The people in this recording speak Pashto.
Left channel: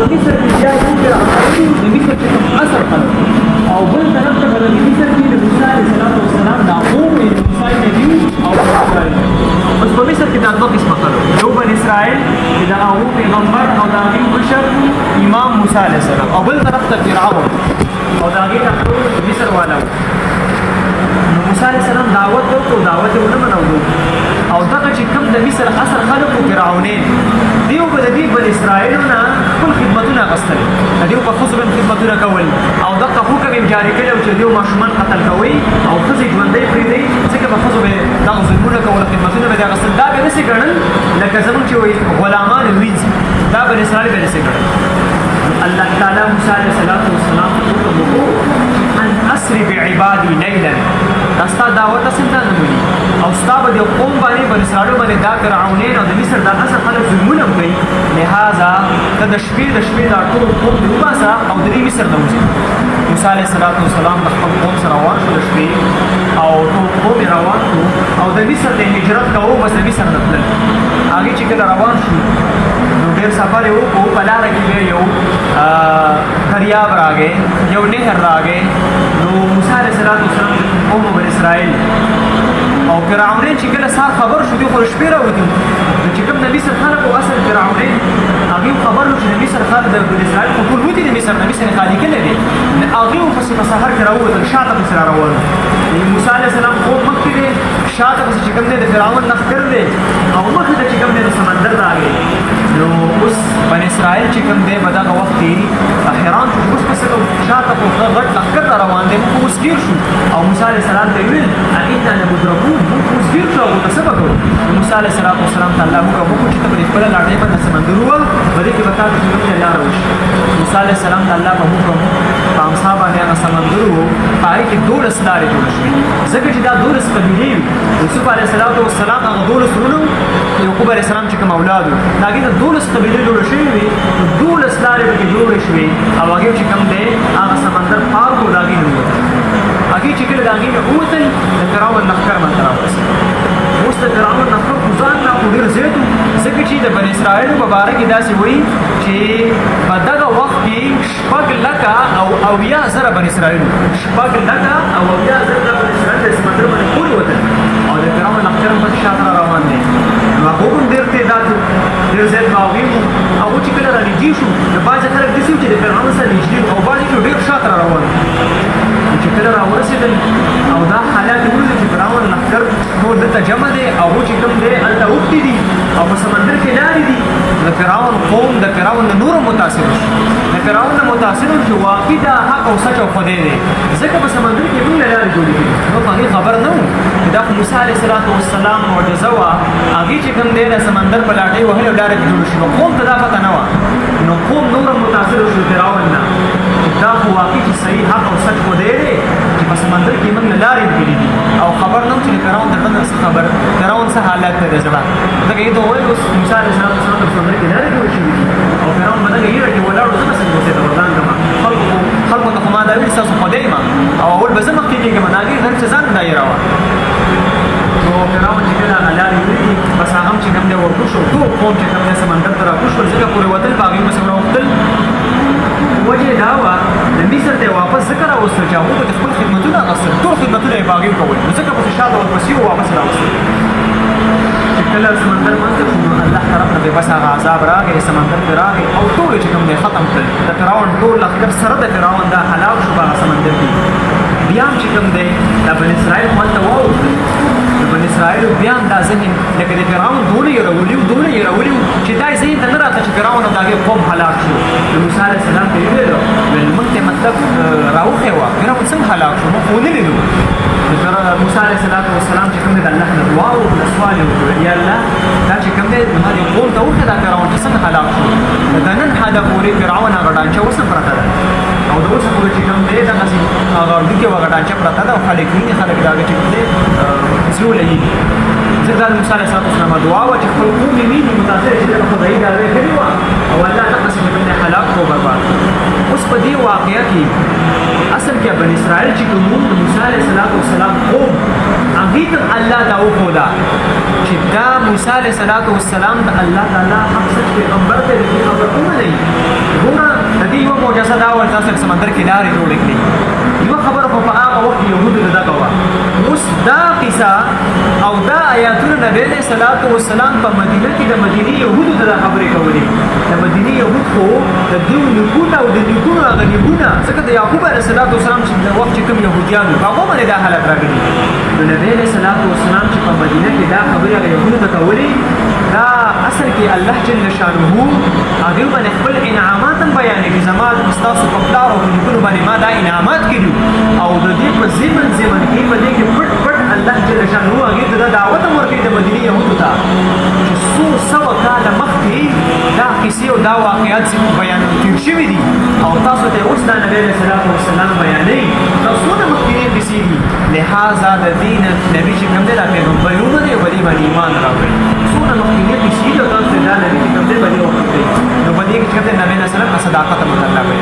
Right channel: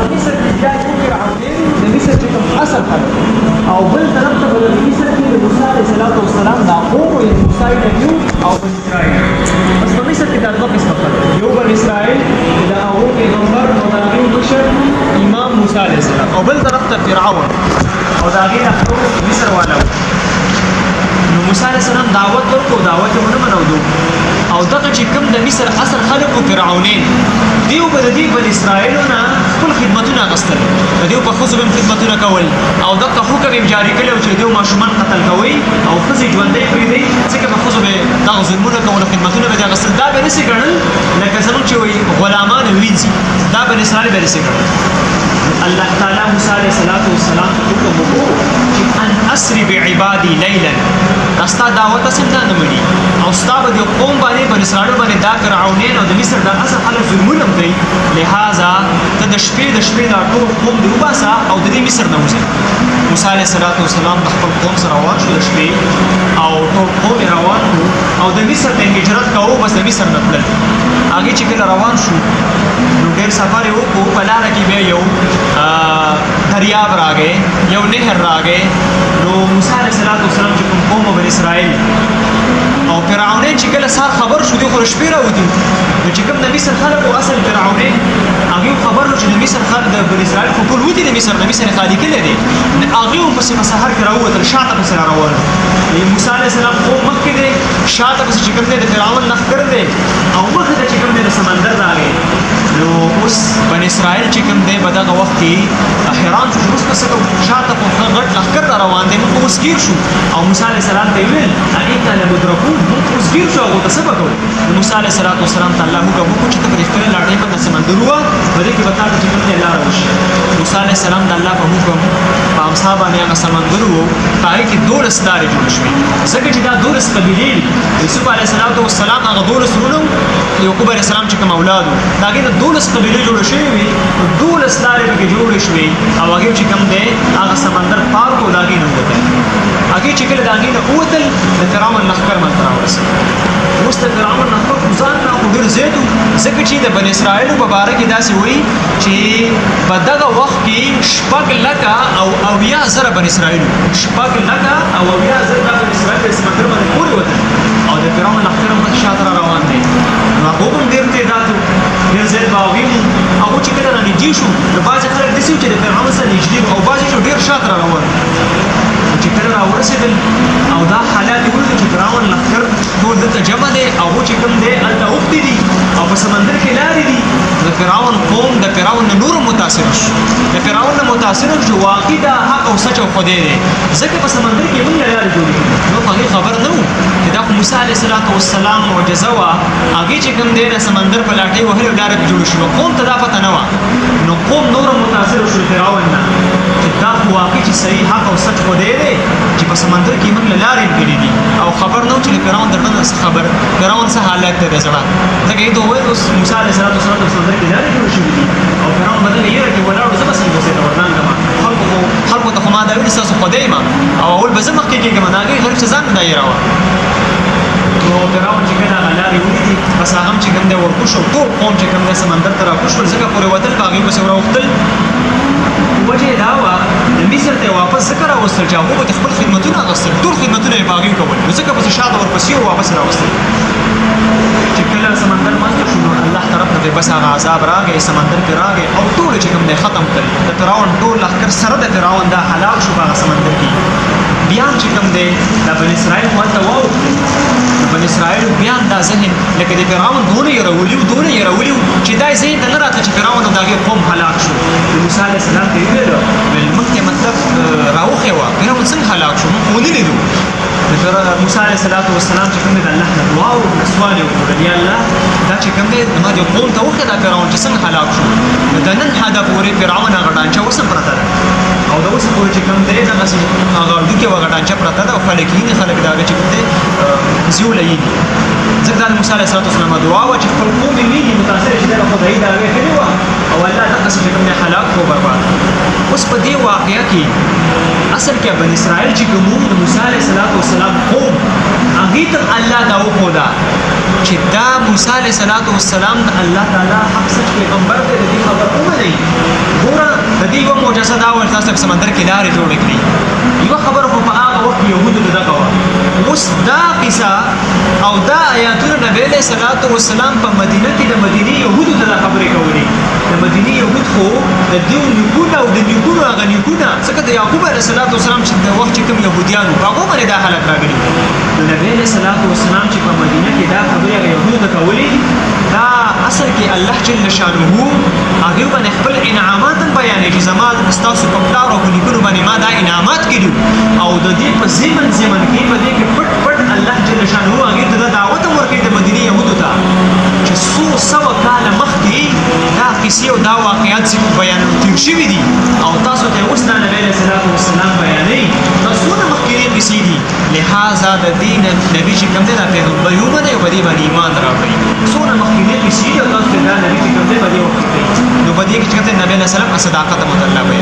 په مصر کې بیا کوم فرعونین د مصر چې کوم اصل خلک او بل طرف ته په مصر کې د موسی علیه السلام دا قوم یعنې موسی نبي او اسرائیل. بس په مصر کې دا دوه قسمه خلک، یو بن اسرائیل چې د هغو پیغمبر او د هغې مشر امام موسی علیه السلام، او بل طرف ته فرعون او د هغې دا ټول مصر والا. نو موسی علیه السلام دعوت ورکړو، دعوت یې ونه منلو او دغه چې کوم د مصر اصل خلک و فرعونین دیو به د دې بن اسرائیلو نه خپل خدمتونه اخیستل، د دیو په ښځو به هم خدمتونه کول او دغه حکم یې جاري کړی و چې دیو ماشومان قتل کوئ او ښځې ژوندۍ پرېږدئ، ځکه په ښځو به دغه ظلمونه کول او خدمتونه به یې اخیستل. دا به یې نسي ګڼل لکه زموږ چې وایي غلامان وینځي، دا بن اسرائیل به یې نسي ګڼل. الله تعالی موسی علیه السلام ته حکم وکړو چې ان اسري بعبادي لیلا، ستا دعوت اصل دا نه مني او ستا به د قوم باندې بن اسرائیل باندې دا فرعونین او د مصر دا اصل خلک ظلمونه کوي، لهذا ته د شپې دا ټول قوم دې وباسه او د دې مصر نه وځي. موسی علیه السلام د خپل قوم سره روان شو د شپې او ټول قوم یې روان کړو او د مصر نه هجرت کوو، بس د مصر نه تلل. هغې چې کله روان شو نو ډېر سفر یې وکړو، په لاره کې بیا یو دریاب راغی، یو نهر راغی. نو موسی علیه السلام چې قوم بن اسرائیل او فرعونین چې کله سهار خبر شو، دوی خو شپې راوتي نو چې کوم د مصر خلک او اصل فرعونین هغې خبر نو چې د مصر خلک د بن اسرائیل خو ټول وتي د مصر یې خالي کړی دی، هغې هم پسې په سهار کې راووتل، شاته پسې را روان. موسی علیه السلام قوم مخکې دی، شاته پسې چې کوم دی د فرعون لښکر دی او مخې ته چې کوم دی د سمندر راغی. نو اوس بن اسرائیل چې کوم دی په دغه وخت کې حیران شو چې اوس پسې شاته په غټ لښکر را روان دی، موږ اوس ګیر شو. او موسی علیه السلام ته یې ویل انا لمدرکون، موږ اوس ګیر شو، هغې ته څه به کوو؟ موسی علیه السلام ته الله حکم وکړو چې ته به د خپله لاټۍ باندې سمندر ووهه، په دې کې به تا ته چې کوم دی لاره وشي. موسی علیه السلام د الله په حکم په امسا باندې هغه سمندر و، په هغې کې 12 لارې جوړې شوې، ځکه چې دا 12 قبیلې دي. یوسف علیه السلام هغه 12 ورونه یعقوب علیه السلام چې کوم اولاد و د هغې نه 12 قبیلې جوړې شوې وې، 12 لارې پکې جوړې شوې او هغې چې کوم دی هغه سمندر پار کړو، د هغې نه ووتل. هغې چې کله د هغې نه ووتل د فرعون لښکر ماته راورسېد. اوس د فرعون لښکر خو ځان را خو ډېر زیات و، ځکه چې د بن اسرائیلو په باره کې داسې وایي چې په دغه وخت کې 6,00,000 بن اسرائیل، 6,00,000 بن اسرائیل د سمندر نه پورې وتل او د فرعون لښکر مخ شاته را روان دی. نو هغه هم ډېر تعداد و، ډېر زیات باغي وو. هغه چې کله را نږدې شو نو بعضې خلک داسې وو چې د فرعون سره نږدې وو او بعضې چې ډېر شاته را روان وو. چې کله را ورسېدل او دا حالات یې ولیدل چې فرعون لښکر ټول دلته جمع دی او هغو چې کوم دی هلته اوښتي دي او په سمندر کې لارې دي. د فرعون قوم د فرعون نه نور متاثر شو، د فرعون نه متاثر شو واقعي دا حق او سچ او خدای دی، ځکه په سمندر کې موږ لارې جوړې کړي. موږ هغې خبر نه وو چې دا خو موسی علیه السلام معجزه وه، هغې چې کوم دی د سمندر په لاټۍ وهلو ډایرکټ جوړ شوه، قوم ته دا پته نه وه. نو قوم نور متاثر شو فرعون نه چې دا خو واقعي چې صحیح حق او سچ خدای دی چې په سمندر کې موږ له لارې وکړي دي او خبر نه و چې د فرعون د ټنګ څه خبر، فرعون څه حالت دی د زړه، ځکه یې ته وویل اوس موسی علیه السلام په سمندر کې لارې جوړې شوي دي او فرعون په دغه یېره کې ولاړ و، ځکه څنګه اوسېده روان ده. خلکو ته خو ما دا ویلي ستاسو خدای یم او اول به زه مخکې کېږم، د هغې هر چې ځان دا یېره وه. نو فرعون چې کله هغه لارې ولیدې بس هغه هم چې کوم دی ورکوز شو، ټول قوم چې کوم دی سمندر ته راکوز شول، ځکه پورې وتل په هغې پسې راوختل. وجه یې دا وه د مصر ته یې واپس ځکه راوستل چې هغوی به د خپل خدمتونه اخیستل، ټول خدمتونه یې په هغې وکول، نو ځکه پسې شاته ورپسې و واپس یې راوستل. چې کله سمندر ماته شو الله طرف نه بس هغه عذاب راغی، سمندر کې راغی او ټول چې کوم دی ختم کړل. د فرعون ټول لښکر سره د فرعون دا هلاک شو په هغه سمندر کې. بیا هم چې کوم دی دا بن اسرائیل خو هلته واوښتل، بن اسرائیلو بیا هم دا ذهن لکه د فرعون دونه یې راولي وو چې دا یې ذهن ته نه راته چې فرعون د هغې قوم هلاک شو. موسی علیه السلام ته یې وویل موږ ته مطلب راوښی وه فرعون څنګه هلاک شو، موږ خو ونه لیدو. موسی علیه السلام چې کوم دی د الله نه دعا وکړه، سوال یې وکړه یا الله دا چې کوم دی زما دې قوم ته وښیه دا فرعون چې څنګه هلاک شو. نو د نن حده پورې فرعون هغه ډانچه اوسه پرته ده او د اوسه پورې چې کوم دی دغسې هغه اردو کې هغه ډانچه پرته ده او خلک یې خلک د هغه چې کوم دی زیوله یې ځکه دا د موسی علیه السلام دعا وه چې خپل قوم یې ویني متاثر چې د خدایي د هغې کړې وه او الله دغسې چې کوم دی هلاک کړو برباد. اوس په دې واقعه کې اصل کې بن اسرائیل چې کوم موسی علیه السلام قوم هغې ته الله دا وښوده چې دا موسی علیه السلام د الله تعالی حق سچ پیغمبر دی، د دې خبر ومنئ. علیه السلام په مدینه کې د مدینه يهودو ته خبرې کولې د مدینه يهود خو د دوی نګونه او د نګونو هغه نګونه څنګه د یعقوب علیه السلام چې د وخت کوم يهوديانو هغه باندې دا حالت راغلی د نبی علیه السلام چې په مدینه کې دا خبرې هغه يهودو ته کولې دا اصل کې الله جل شانه هغه باندې خپل انعامات بیانې چې زماد مستاسو په پلار او نګونو باندې ما دا انعامات کړیو او د دې په زمن کې په دې کې پټ الله جل شانه هغه ته دعوت ورکړي د مدینه يهودو ته چې څو سوه کاله مخکې دا قصې او دا واقعات چې بیان تیر شوي دي او تاسو ته اوس د نبی علیه السلام بیانوي تاسو څومره مخکې قصې دي لهذا د دین نبی چې کوم دی دا پیغمبرونه دی په دې باندې ایمان راوړي څومره مخکې قصې دي او تاسو دا نبی چې کوم دی په دې وخت کې نو په دې کې چې نبی علیه السلام صداقت مطلب